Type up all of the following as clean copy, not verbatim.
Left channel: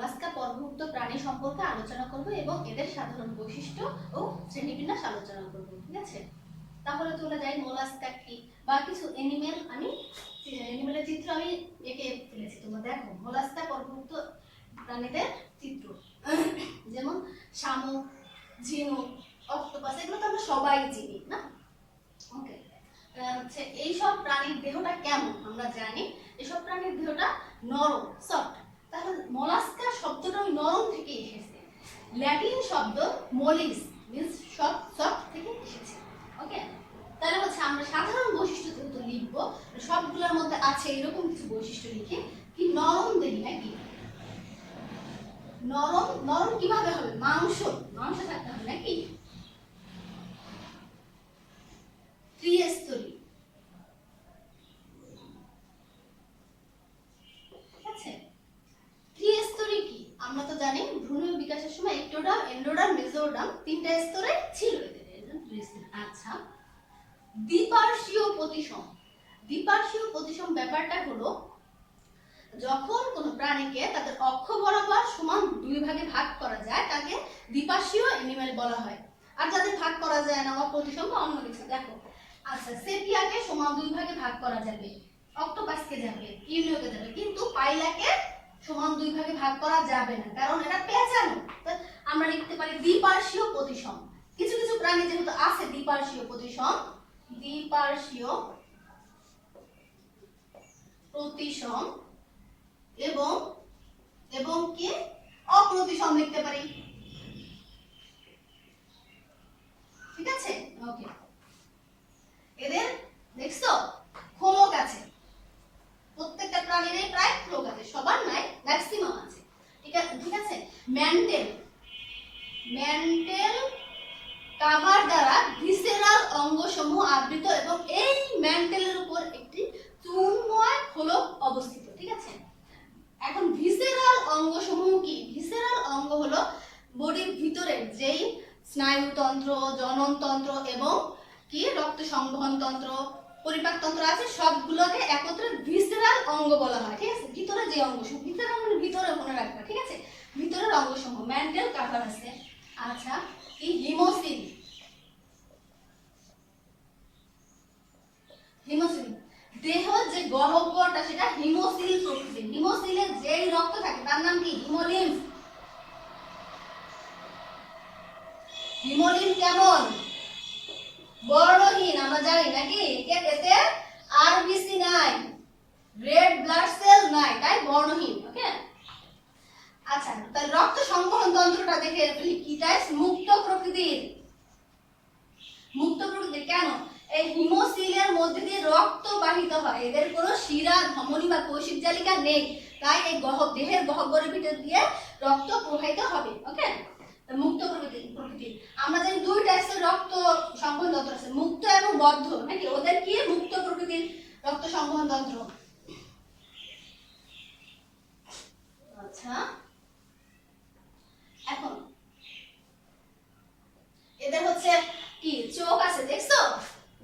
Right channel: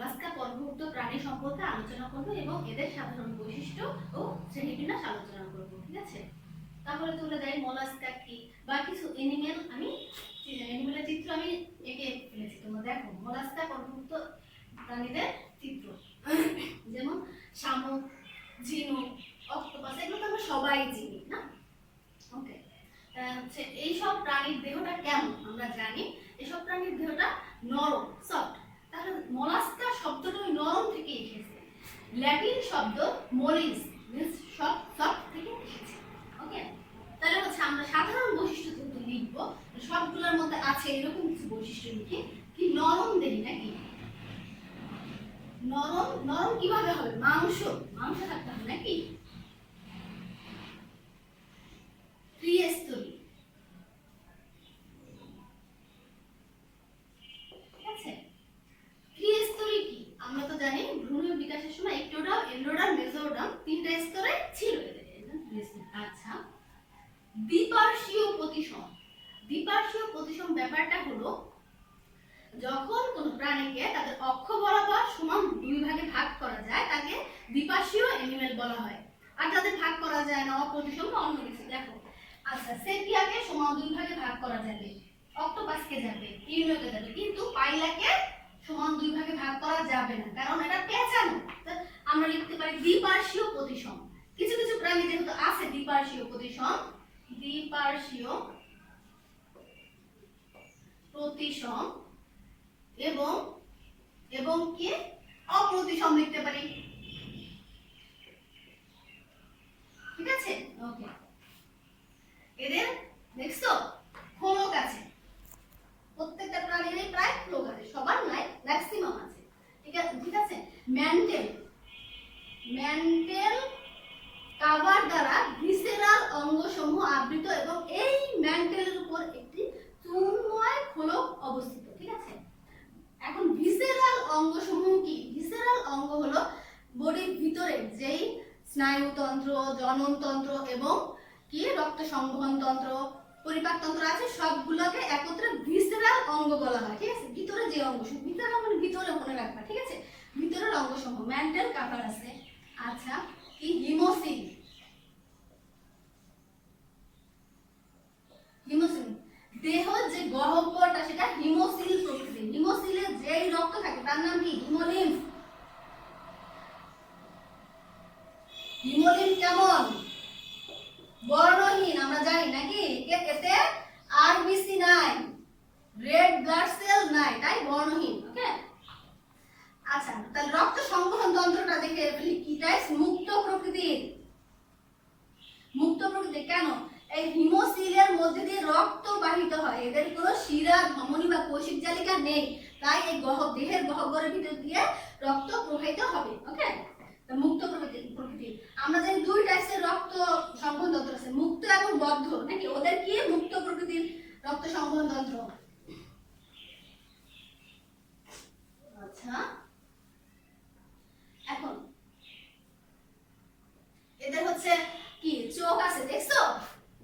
Mollusca পর্বভুক্ত প্রাণী সম্পর্কে আলোচনা করব এবং এদের সাধারণ বৈশিষ্ট্য ও শ্রেণীবিন্যাস আলোচনা করব। ঠিক আছে, তাহলে চলে যাই মোলাস্কা কি বা কিছু অ্যানিমেলের চিত্র আমি এঁকে ফেলেছি। তোমরা দেখো মোলাস্কা পর্বভুক্ত প্রাণীদের চিত্র, যেমন শামুক, ঝিনুক, অক্টোপাস, এগুলো তো আমরা সবাই চিনি না। ওকে, হচ্ছে এইসব প্রাণীর দেহটা কেমন আমরা জানি। এসব প্রাণীর দেহটা নরম, সফট। তাহলে মোলাস্কা শব্দটা ওই নরম থেকে এসেছে। ল্যাটিন শব্দ মোলিস মিন্স সফট, সফট থেকে এসেছে। ওকে, তাহলে হচ্ছে আমরা সাধারণ বৈশিষ্ট্য যেহেতু লিখবো, সবগুলোর মধ্যে আছে এরকম কিছু বৈশিষ্ট্য লিখি। কি নরম দেহি নাকি? নরম, নরম কিভাবে হবে? মাংস থাকতে হবে নাকি? ত্রিস্তরী, ঠিক আছে। ত্রিস্তরী কি আমরা তো জানি, ভ্রূণ বিকাশের সময় একটোডার্ম, এন্ডোডার্ম, মেসোডার্ম তিনটা স্তরে ছিল এদের। আচ্ছা, দ্বিপার্শ্বীয় প্রতিসম। দ্বিপার্শ্বীয় প্রতিসম ব্যাপারটা হলো যখন কোন প্রাণীকে তাদের অক্ষ বরাবর সমান দুই ভাগে ভাগ করা যায় তাকে দ্বিপার্শ্বীয় অ্যানিমেল বলা হয়। আর যাদের ভাগ করা যায় না, অপ্রতিসম বা অন্য কিছু, দেখো আচ্ছা সেপিয়াকে সমান দুই ভাগে ভাগ করা যাবে, অক্টোপাসকে যাবে, ইউনিওকে যাবে, কিন্তু পাইলাকে সমান দুই ভাগে ভাগ করা যাবে না, কারণ এটা পেঁচানো। আমরা লিখতে পারি দ্বিপার্শ্বীয় প্রতিসম। কিছু কিছু প্রাণী যেহেতু আছে দ্বিপার্শ্বীয় প্রতিসম, দ্বিপার্শ্বীয় প্রতিসম এবং এবং কি অপ্রতিসম লিখতে পারি। ঠিক আছে, ওকে। এদের দেখছো খোলক আছে, প্রত্যেকটা প্রাণীরই প্রায় খোলক আছে, সবার নাই, ম্যাক্সিমাম আছে। ঠিক আছে। ম্যান্টেল কাভার দ্বারা ভিসেরাল অঙ্গসমূহ আবৃত এবং এই ম্যান্টেলের উপর একটি চুনময় খোলক অবস্থিত। ঠিক আছে, এখন ভিসেরাল অঙ্গসমূহ কি? ভিসেরাল অঙ্গ হলো বডির ভিতরে যেই স্নায়ুতন্ত্র, জননতন্ত্র এবং কি রক্ত সংবহন তন্ত্র, পরিপাক তন্ত্র আছে, সবগুলোকে একত্রে ভিসেরাল অঙ্গ বলা হয়। ঠিক আছে, ভিতরে যে অঙ্গসমূহ, ভিতরে মানে ভিতরে মনে রাখবা। ঠিক আছে, ভিতরের অঙ্গসমূহ ম্যান্টেল কাভার আছে। আচ্ছা, এই হিমোসিল, দেহ যে গহ্বরটা সেটা হিমোসিল প্রকৃতির। হিমোসিলে যেই রক্ত থাকে তার নাম কি? হিমোলিম্ফ। হিমোলিম্ফ কেমন? বর্ণহীন, আমরা জানি নাকি? এতে আরবিসি নাই, রেড ব্লাড সেল নাই, তাই বর্ণহীন। ওকে, আচ্ছা তাহলে রক্ত সংবহন তন্ত্রটা দেখে কি টাইপ? মুক্ত প্রকৃতির। মুক্ত প্রকৃতির কেন? এই হিমোসিলের মধ্যে দিয়ে রক্ত বাহিত হয়, এদের কোনো শিরা, ধমনী বা কোষিক জালিকা নেই, তাই এই দেহের গহ্বরের ভিতর দিয়ে রক্ত প্রবাহিত হবে। ওকে, মুক্ত প্রকৃতির। আমরা জানি দুই টাইপের রক্ত সংবহন তন্ত্র আছে, মুক্ত এবং বদ্ধ নাকি? ওদের কি? মুক্ত প্রকৃতির রক্ত সংবহন তন্ত্র। আচ্ছা, এখন এদের হচ্ছে কি চোখ আছে, দেখছো?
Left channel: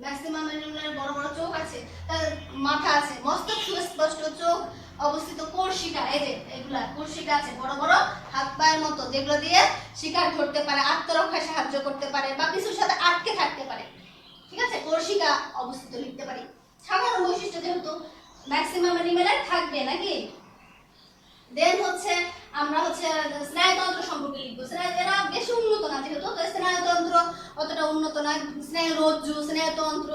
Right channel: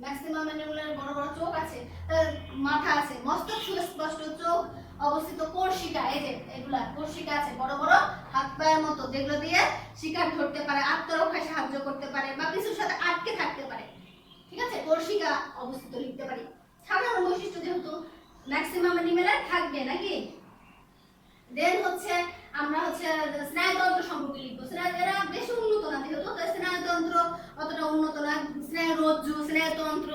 ম্যাক্সিমাম অ্যানিমেলের বড় বড় চোখ আছে, তার মাথা আছে, মস্তক সুস্পষ্ট, চোখ অবস্থিত, কোর্সিকা, এই যে এগুলা কোর্সিকা আছে, বড় বড় হাত পায়ের মতো, যেগুলো দিয়ে শিকার ধরতে পারে, আত্মরক্ষায় সাহায্য করতে পারে বা কিছুর সাথে আটকে থাকতে পারে। ঠিক আছে, কোর্সিকা অবস্থিত লিখতে পারি। সাধারণ বৈশিষ্ট্য যেহেতু ম্যাক্সিমাম অ্যানিমেলের থাকবে নাকি। দেন হচ্ছে আমরা হচ্ছে স্নায়ুতন্ত্র সম্পর্কে লিখবো। এরা বেশি উন্নত না যেহেতু, স্নায়ুতন্ত্র অতটা উন্নত না। স্নায়ুরজ্জু, স্নায়ুতন্ত্র,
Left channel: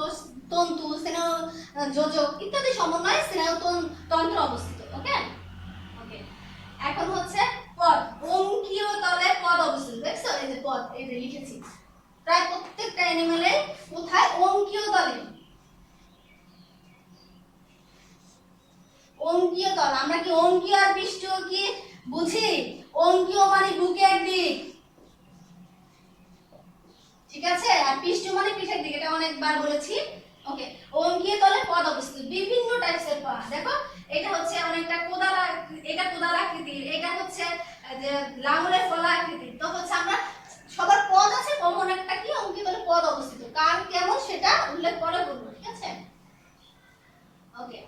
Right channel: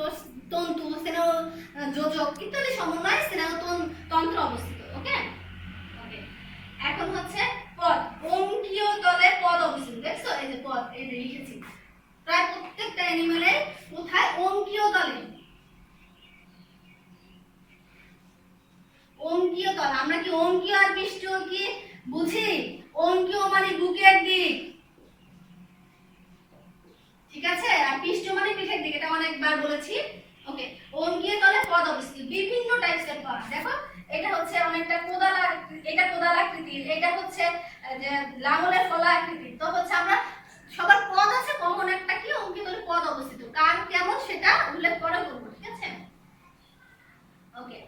তন্তু, স্নায়ুযোজক ইত্যাদি সমন্বয়ে স্নায়ুতন্ত্র অবস্থিত। ওকে, এখন হচ্ছে পদ, অঙ্কীয় তলে পদ অবস্থিত। দেখছো এই যে পদ, এই যে লিখেছি, প্রায় প্রত্যেকটা অ্যানিমেলে কোথায়? অঙ্কীয় তলে। অঙ্কীয় তল, আমরা কি অঙ্কীয় আর পৃষ্ঠ কি বুঝি? অঙ্কীয় মানে বুকের দিক, ঠিক আছে, আর পৃষ্ঠ মানে পিঠের দিক, এটা অনেকবার বলেছি। ওকে, অঙ্কীয় তলে পদ অবস্থিত, বিভিন্ন টাইপের পদ। দেখো এটা হচ্ছে অনেকটা কোদাল, এটা কোদাল আকৃতির, এটা হচ্ছে যে লাঙলের ফলা আকৃতির। তো হচ্ছে আমরা সবার পদ আছে, কমন একটা কি অঙ্কীয় তলে পদ অবস্থিত, কার কেমন সেটা উল্লেখ করে বলবো। ঠিক আছে, ওকে।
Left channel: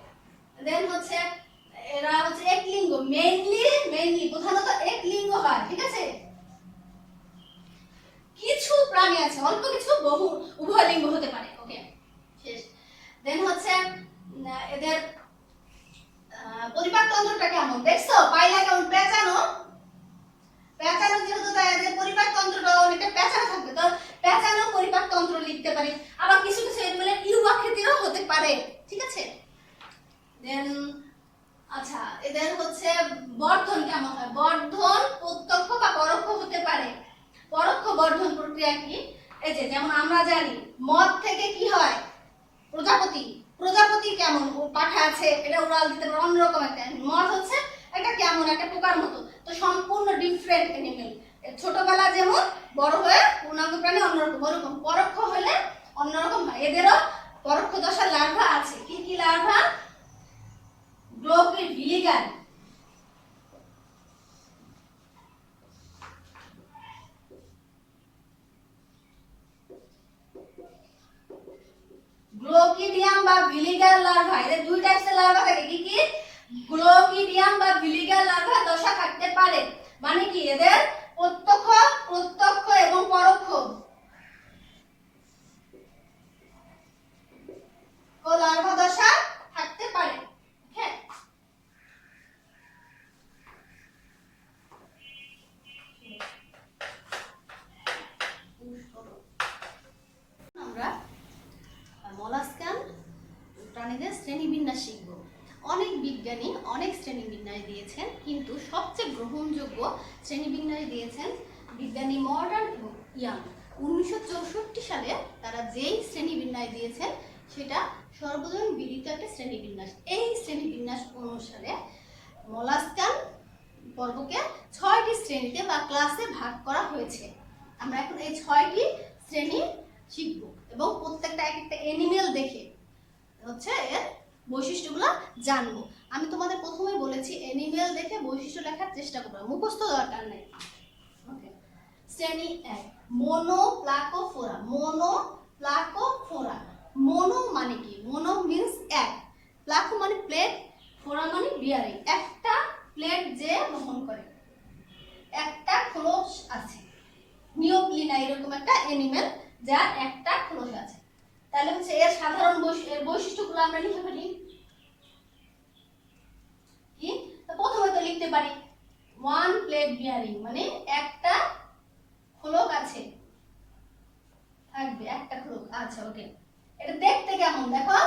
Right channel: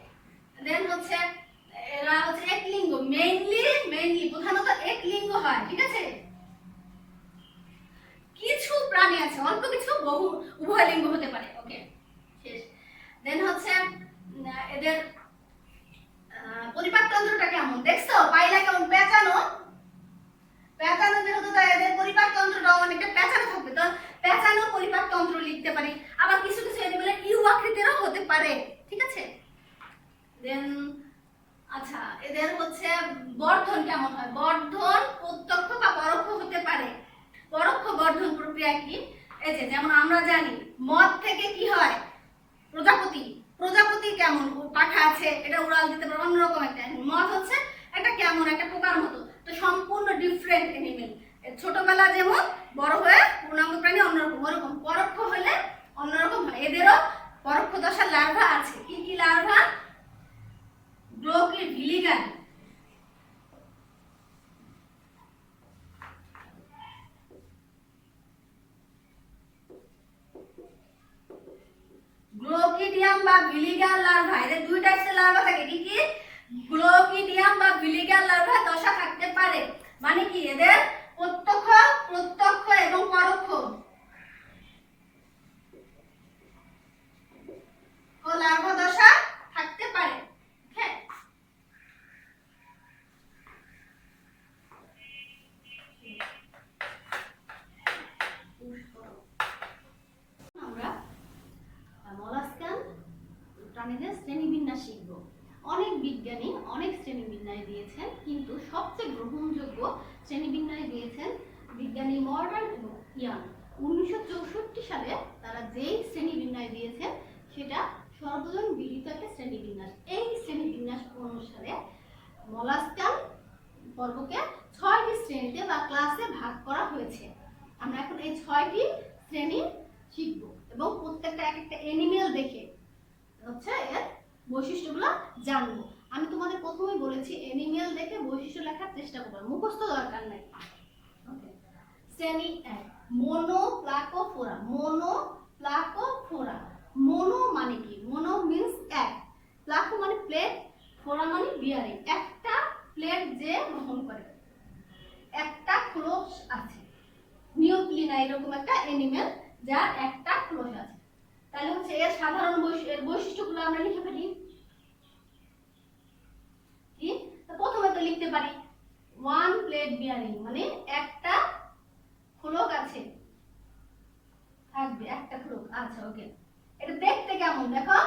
দেন হচ্ছে এরা হচ্ছে একলিঙ্গ, মেইনলি প্রধানত পারে, ঠিক আছে। দেন আচ্ছা, এদের হচ্ছে বর্ধন কেমন হয়? বর্ধন প্রত্যক্ষ বা পরোক্ষ হতে পারে। পরোক্ষ বর্ধন প্রক্রিয়া কি? এই যে যেমন আমরা জানি মদ থেকে কি হয়? প্রজাপতি। প্রজাপতি কেমন? পাখা আছে, এটা উড়াল দিতে পারে, অন্যরকম একটা। মদ হচ্ছে একটা কেমন একটা পোকার মতো, তো সম্পূর্ণ ডিফারেন্ট অ্যানিমেল। ছোটবেলা যেমন, বড় হয়ে পূর্ণাঙ্গ প্রাণী অন্যরকম। ওরকম পরোক্ষ হলে অন্যরকম হয়। এদেরও পরোক্ষ দশার লার্ভা আছে। কি কি লার্ভা? গ্লোকিড ভিলিগার, গ্লোকিডিয়াম বা ভিলিগার লার্ভা। এদের দুই টাইপের লার্ভা থাকে। কি কি? গ্লোকিডিয়াম বা ভিলিগার লার্ভা দশা থাকতে পারে। মানে কি? এদের প্রত্যক্ষ এবং পরোক্ষ ও লার্ভা দশা থাকতে পারে। হ্যাঁ, আমরা মলাস্কান প্রাণীদের শ্রেণীবিন্যাস শিখব। অনেক বিজ্ঞানী অনেক শ্রেণীবিন্যাস দিয়েছেন, কিন্তু সবচেয়ে গ্রহণযোগ্য শ্রেণীবিন্যাস দিয়েছেন বিজ্ঞানী মর্ডান এবং ইয়াং। 1964 সালে তারা যেই শ্রেণীবিন্যাস দিয়েছেন সেটা সর্বজন বিদিত একটা শ্রেণীবিন্যাস। এই শ্রেণীবিন্যাস অনুসারে মলাস্কান পর্বকে 6টি শ্রেণীতে বা ক্লাসে ভাগ করা হয়েছে। আমরা এখন এই 6টি শ্রেণী শিখব এবং প্রত্যেকটা এক একটা অ্যানিমেল দেখে হচ্ছে এর বৈশিষ্ট্যগুলো জানবো। আমি তোমাদের প্রথমেই বলেছি অ্যানিমেল দেখে বৈশিষ্ট্য লেখার চেষ্টা করবে, মুখস্থ দরকার নাই। ওকে, শ্রেণী 1, মোনোপ্লাকোফোরা। মোনোপ্লাকোফোরা, মোনো মানে কি? মোনো মিন্স এক, প্লাকো মানে প্লেট, ফোরা মানে বিয়ারিং। একটা প্লেট যে বহন করে, একটা খোলস আছে। নিওক্লিনা এরকম একটা অ্যানিমেল যার একটা খোলস আছে। তাহলে হচ্ছে এর সাধারণ বৈশিষ্ট্যগুলো আমরা লিখে ফেলি। কি? প্রথমে তো লিখতে পারি ওয়ান প্লেট বিয়ারিং, মানে একটা খোলক আছে, থাকবে একটা খোলক। আচ্ছা, ওকে। এটা দেখতে কেমন? দেখো,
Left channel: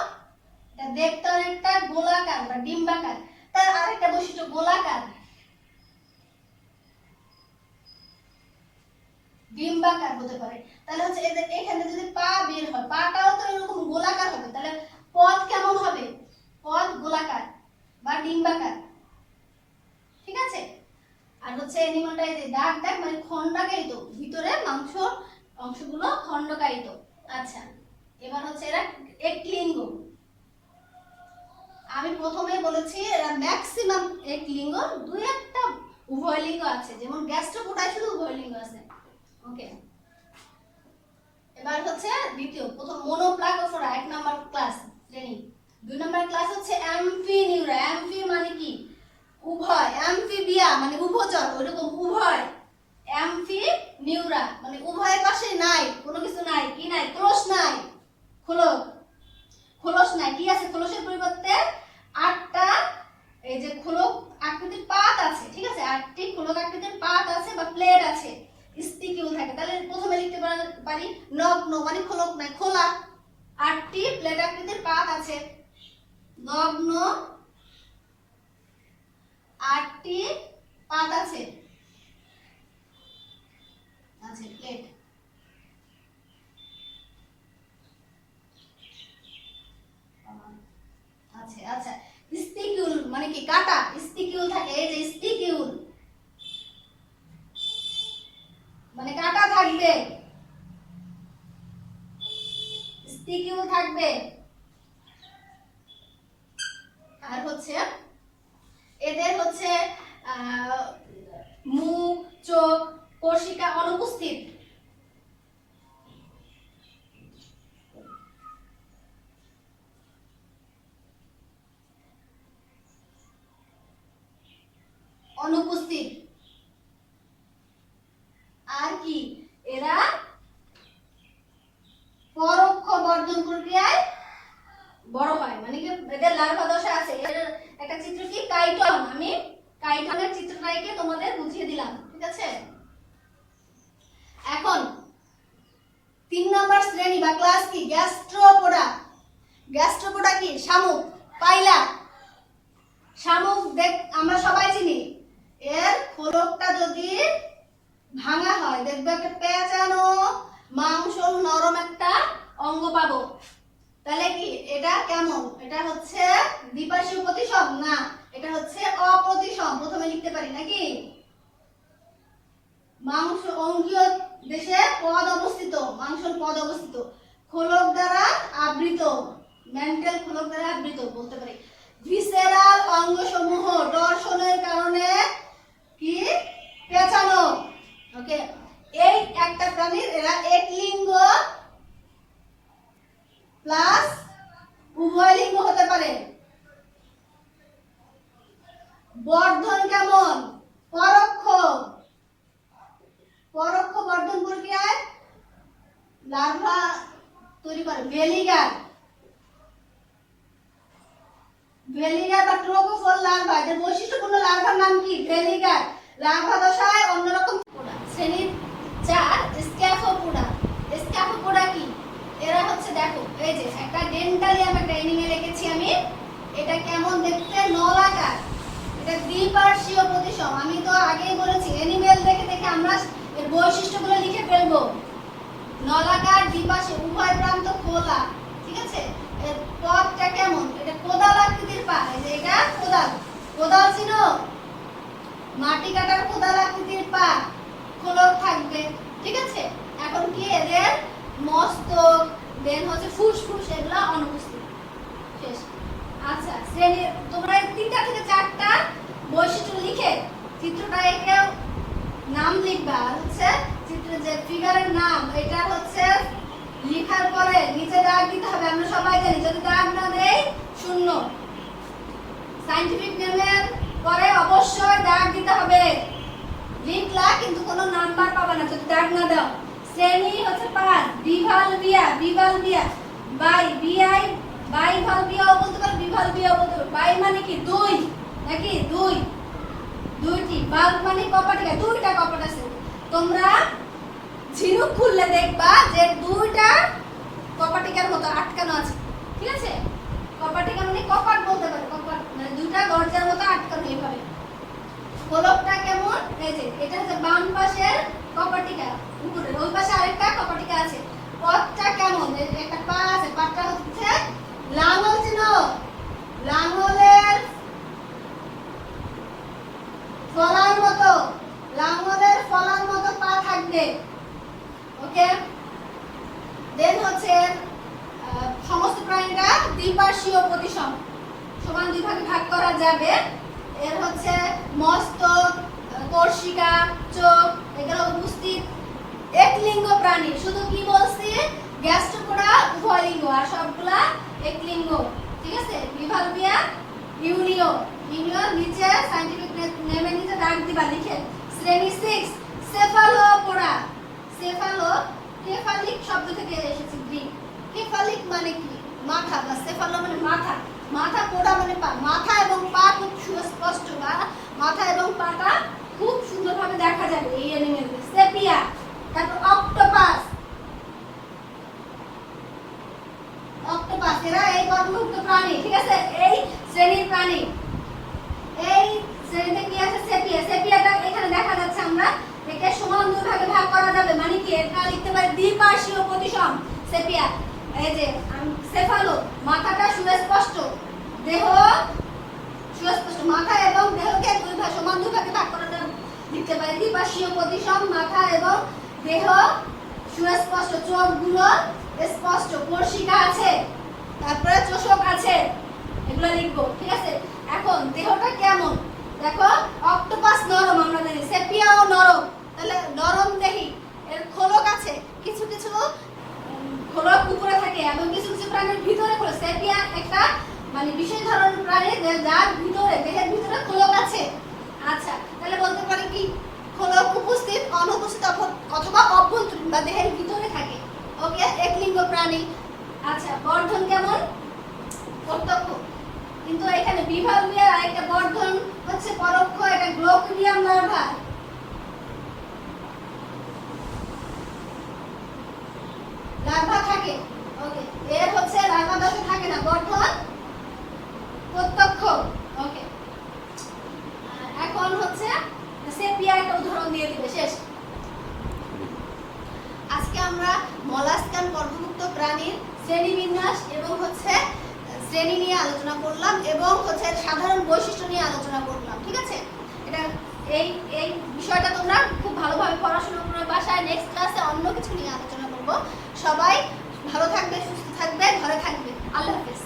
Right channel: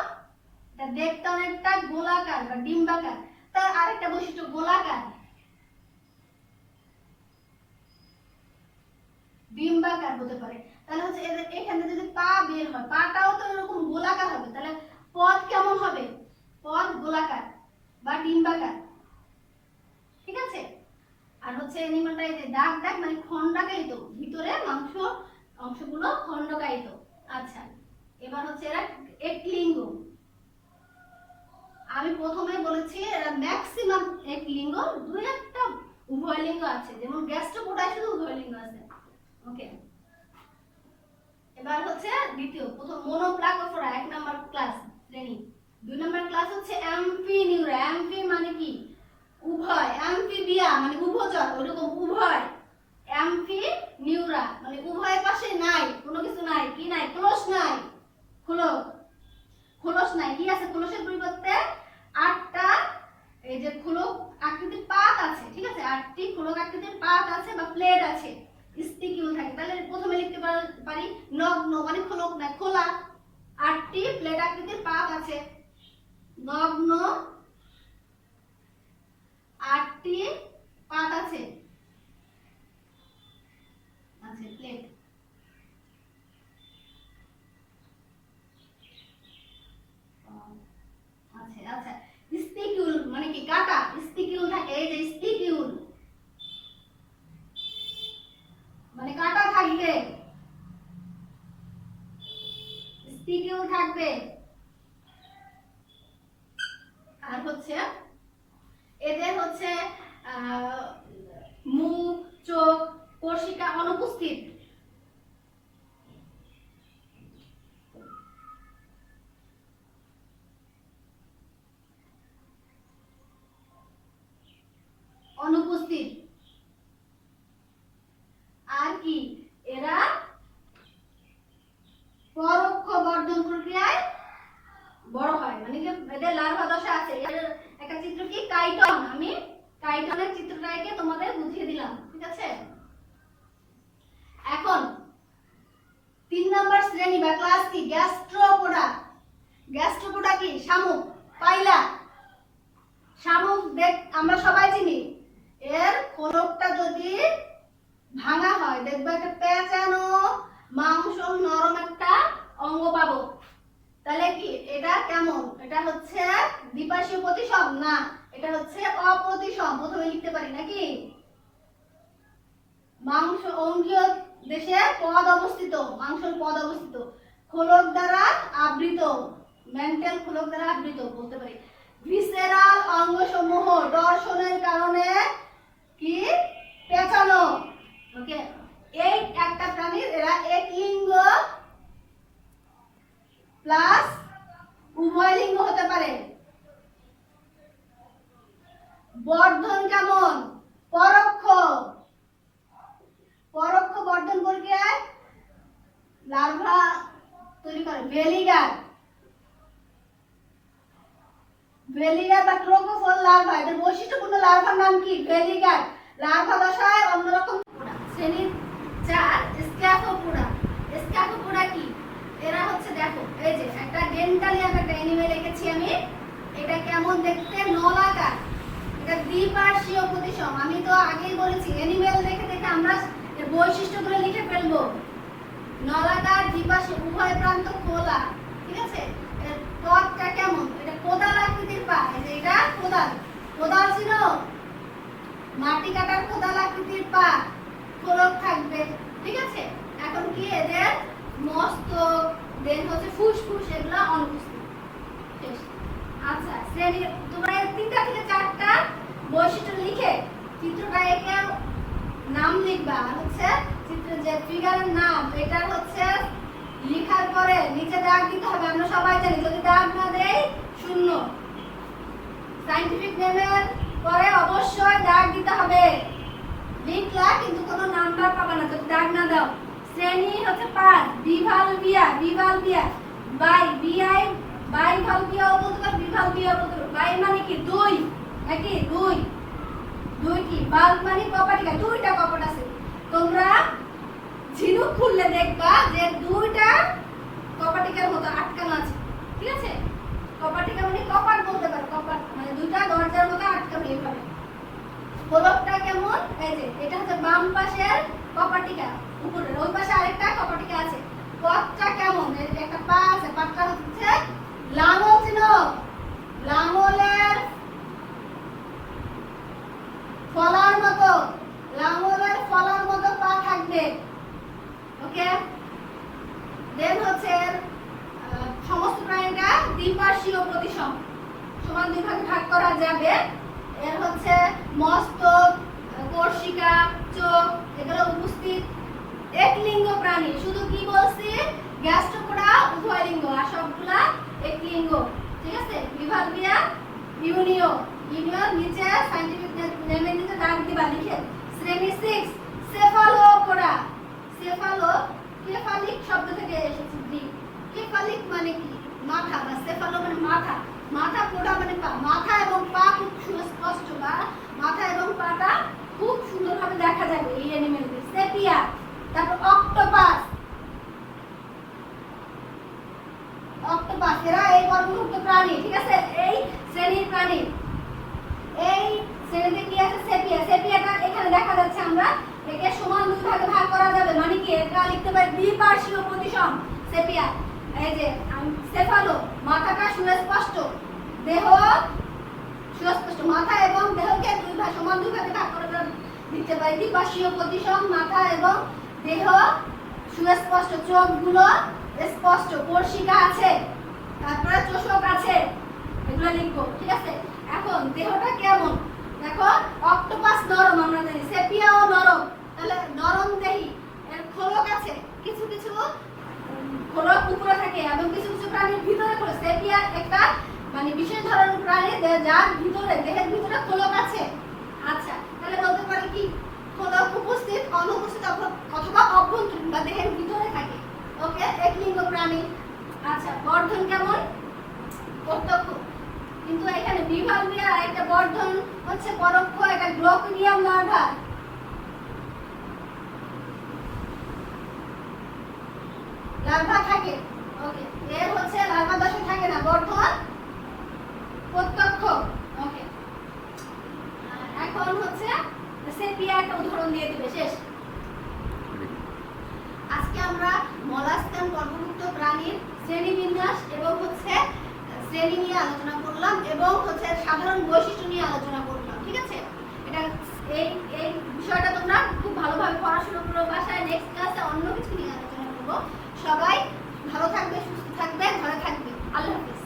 এটা দেখতে অনেকটা গোলাকার বা ডিম্বাকার। তার আরেকটা বৈশিষ্ট্য গোলাকার, ডিম্বাকার হতে পারে। তাহলে হচ্ছে এদের এখানে যদি পা বের হয়, পাটাও তো এরকম গোলাকার হবে। তাহলে পদ কেমন হবে? পদ গোলাকার বা ডিম্বাকার, ঠিক আছে। আর হচ্ছে অ্যানিমালটা এই যে দাগ দাগ মানে খণ্ডাকায়িত, ভিতরে মাংস অংশগুলো খণ্ডকায়িত। আচ্ছা, এবার হচ্ছে এরা একলিঙ্গ। আমি প্রথমে বলেছি এরা ম্যাক্সিমাম একলিঙ্গ, দুই একটা উভয় লিঙ্গ আছে, যেমন গ্যাস্ট্রোপোডায় শুধু উভয় লিঙ্গ আছে। ওকে, এবার হচ্ছে দ্বিতীয়, প্রথম মোনোপ্লাকোফোরা 1 নাম্বার ক্লাস শ্রেণী। 2 নাম্বার ক্লাস হচ্ছে অ্যাম্ফিনিউরা। অ্যাম্ফি মানে কি? উভয়। অ্যাম্ফিবিয়া মানে উভচর, ওইরকম উভয়। অ্যাম্ফিনিউরা মানে উভয় পাশে নাই, কোনো কিছু নাই। কি নাই? খোলস নাই, খোলস নাই। কি আছে খোলসের পরিবর্তে? 8টা এই যে খোলক আকৃতির পাত আছে, ঠিক আছে। 8টি খোলক আকৃতির পাত আছে বা প্লেট আছে, স্পিকিউল থাকে। তাহলে প্রথমে লিখতে পারি নগ্ন মানে খোলক নাই, খোলা। 8টি প্লেট আকৃতির পাত আছে, নগ্ন। 8টি পাত আছে, প্লেট। আচ্ছা, স্পিকিউল মানে কি? কাটা। স্পিকিউল থাকে, এই যে স্পিকিউল মানে কাটা থাকবে, স্পিকিউল থাকবে। আর হচ্ছে এদের হচ্ছে মুখ, চোখ, কোষিকা অনুপস্থিত। অনুপস্থিত। আর কি? এরা পরোক্ষ বর্ধন প্রক্রিয়ায় বড় হয়, মানে কি এদের লার্ভা দশা আছে। একটা চিত্র কি কাইটন, আমি কাইটনের চিত্রটা এঁকে তোমাদের বুঝিয়ে দিলাম, ঠিক আছে। এখন 3 নম্বর শ্রেণী বা ক্লাস কি? গ্যাস্ট্রোপোডা। গ্যাস্ট্রোপোডা কি? শামুক, পাইলা। শামুক দেখ আমরা সবাই চিনি। এর খোলকটা যদি ভাঙা হয় দেখবে একটা পেঁচানো মাংস নরম একটা অঙ্গ পাবো। তাহলে কি এটা কেমন? এটা হচ্ছে দ্বিপার্শ্বীয় প্রতিসম না, এটা হচ্ছে অপ্রতিসম। প্রথমে লিখতে পারি নাকি? মাংস অঙ্গীয় দেশে পদ অবস্থিত, মাংসল পদ অবস্থিত, খোলক দ্বারা আবৃত, মেন্টাল খোলক দ্বারা আবৃত বলতে পারি। ভিসেরাল অঙ্গসমূহ টর্শনের কারণে কি পেঁচানো। ওকে, এই একটা প্রাণীর এরা একলিঙ্গ প্লাস উভয় লিঙ্গ হতে পারে। বর্ধন কেমন? পরোক্ষ। পরোক্ষ বর্ধন প্রক্রিয়ায় লার্ভা তৈরি করে। ভেলিগার, ভেলিগার বা ট্রোকোফোর লার্ভা, এদের বৈশিষ্ট্যপূর্ণ লার্ভার নাম কি? ভেলিগার। লার্ভা দশায় অন্যরকম শ্রেণী 4 স্ক্যাফোপোডা। স্ক্যাফোপোডা কি? এরা হচ্ছে দেখো এই যে একটা ডেন্টালিয়াম একটা অ্যানিমেল এঁকেছি আমি। এটা কেমন দেখতে? নলাকার। এটা দ্বিপার্শ্বীয় প্রতিসম। আমি তো আগেই বলেছি অ্যানিমেল দেখে দেখে আমরা এর বৈশিষ্ট্যগুলো লিখে ফেলবো। নলাকার, দ্বিপার্শ্বীয়, উভয় প্রান্ত খোলা। ঠিক আছে? এর পথটা কেমন? এটা কোদাল আকৃতির পা। এই যে এটা কোদাল, কোদাল চিনো? মাটি কাটার কোদাল আকৃতির পা, খোলক থাকবে। ঠিক আছে? এখন কি এদের মস্তক, দেন হচ্ছে ফুসফুস, এগুলা অনুপস্থিত। শেষ। আচ্ছা, শ্রেণী তোমরা 3টা থেকে 4টা বৈশিষ্ট্য লিখে চিত্রটা এঁকে নাম লিখবা। আর হচ্ছে চিত্রের যে ফিগারের নাম এটা হচ্ছে লেখার পরে নিচে দাগ দিতে হবে। আমরা সবাই জানি যদি দাগ না দেই শূন্য। সায়েন্টিফিক নেমের পরে অবশ্যই দাগ দিতে হবে। লিখলা কিন্তু কোনো নাম্বার পাবা না যদি দাগ না দাও। শ্রেণী হচ্ছে 5 বিভালভিয়া, বিভালভিয়া বাই বিআই বাইভালভিয়াও বলতে পারো, বিভালভিয়াও বলতে পারো। বাই মানে কি? 2 নাকি? 2টি। বাল্ব মানে কপাটিকা, 2টা কপাট আছে। তোমরা ঝিনুক খুললে দেখবা যে 2টা কপাটিকার মতো আটকানো আছে। ঠিক আছে? কপাটিকা মানে কপাট বলতে পারো, কপাট মানে 2টা দরজার মতো আটকানো এইভাবে। খোলকটা কেমন? এই যে এটা হচ্ছে বাম পাশের কপাটিকা, উপরে ওই পাশে আরেকটা কপাটিকা আছে। পথটা কেমন? এই যে একটা পা আছে, পাটা হচ্ছে লাঙল চিনো? লাঙলের ফলার মতো, লাঙলের ফলার মতো পা থাকবে। ওকে, দেন হচ্ছে সমস্ত প্রাণীটা দ্বিপার্শ্বীয় প্রতিসম, সমান 2 ভাগে ভাগ করা যাবে। এর হচ্ছে মস্তক, কর্ষিকা, চোখ এগুলো উপস্থিত। একলিঙ্গ প্রাণী, শুধু কি বলছি? গ্যাস্ট্রোপোডা উভয় লিঙ্গ, আর সবগুলা একলিঙ্গ। ঠিক আছে? বিভালভিয়া ইউনিও, ইউনিও নিচে সায়েন্টিফিক নেমের নিচে দাগ দিবা লিখে। শ্রেণী 6 সেফালোপোডা। সেফালো কেফালিক শব্দ থেকে এসেছে গ্রিক। কেফালিক মানে কি? মাথা, বা সেফালো মানে মাথা, মাথা, পোডা মানে পা। মাথা এবং পা খুব সুস্পষ্ট, বা মাথা এবং পাটা খুব সুন্দরভাবে দেখা যাবে এই অ্যানিমেলদের। সেপিয়া, তারপর অক্টোপাস। অক্টোপাস এরা এই বর্গভুক্ত প্রাণী। ঠিক আছে? এই শ্রেণীর প্রাণী। এই শ্রেণীতে কি আছে? সেপিয়া। সেপিয়াটা এখানে দেখা যাচ্ছে, আমরা একে সমান 2 ভাগে ভাগ করা যাবে। মানে কি? এটা লিখতে পারি দ্বিপার্শ্বীয় প্রতিসম সেপিয়া। এই যে সেফালো, মাথাটা সুস্পষ্ট, দেহ সুস্পষ্ট। মাথা এবং দেহকে 2 ভাগ, সমান 2 ভাগে ভাগ করা যাবে। লিখতে পারি দ্বিপার্শ্বীয় প্রতিসম, মাথা এবং দেহ সুস্পষ্ট, চোখগুলো স্পষ্ট, কর্ষিকা আছে, তারপরে চোষক আছে, এগুলো লিখবো। ঠিক আছে? এখন দেহটা কেমন দেখো। অক্টোপাস নরম, আমরা জানি। সেপিয়াও নরম। তাহলে নরম দেহি। এর খোলক আছে, কিছু কিছু খোলক উপরে থাকে এবং কিছু কিছু প্রাণীর ভিতরে খোলক। সেপিয়া একটা মানে বিশেষ ধরনের প্রাণী যার ভিতরে, দেহের ভিতরে খোলক আছে। আচ্ছা, তাহলে বলতে পারি কি? খোলক উপস্থিত, অনুপস্থিত অথবা অভ্যন্তরীণ বা দেহের ভিতরে থাকে। ওকে, একলিঙ্গ প্রাণী। আচ্ছা, বর্ধন কেমন? প্রত্যক্ষ। কিন্তু এখানে বিভালভিয়া একটা বর্ধন হচ্ছে পরোক্ষ, এটা গ্লোকিডিয়াম লার্ভা। লার্ভা থাকে ওকে, এর হচ্ছে ভার্ব দাসে থাকে না, গঠন প্রত্যক্ষ। ওকে, এখন হচ্ছে সেপিয়া একটা উদাহরণ দিয়ে দিবে, শেষ। আজকে আমরা মলাস্কান গর্ভমুক্ত প্রাণীর শ্রেণীবিন্যাস এবং হচ্ছে শ্রেণী নিয়ে আলোচনা করলাম এবং হচ্ছে সাধারণ বৈশিষ্ট্য নিয়ে আলোচনা করলাম, ঠিক আছে? এটা এই এই বিষয়টা তোমরা খুব ভালোভাবে পড়াশোনা করে বাসায় নেক্সট ক্লাসে অন্য কিছু নিয়ে আলোচনা করব। সবাই ভালো থাকবে, সুস্থ থাকবে, ঘরে থাকবে। আল্লাহ হাফেজ।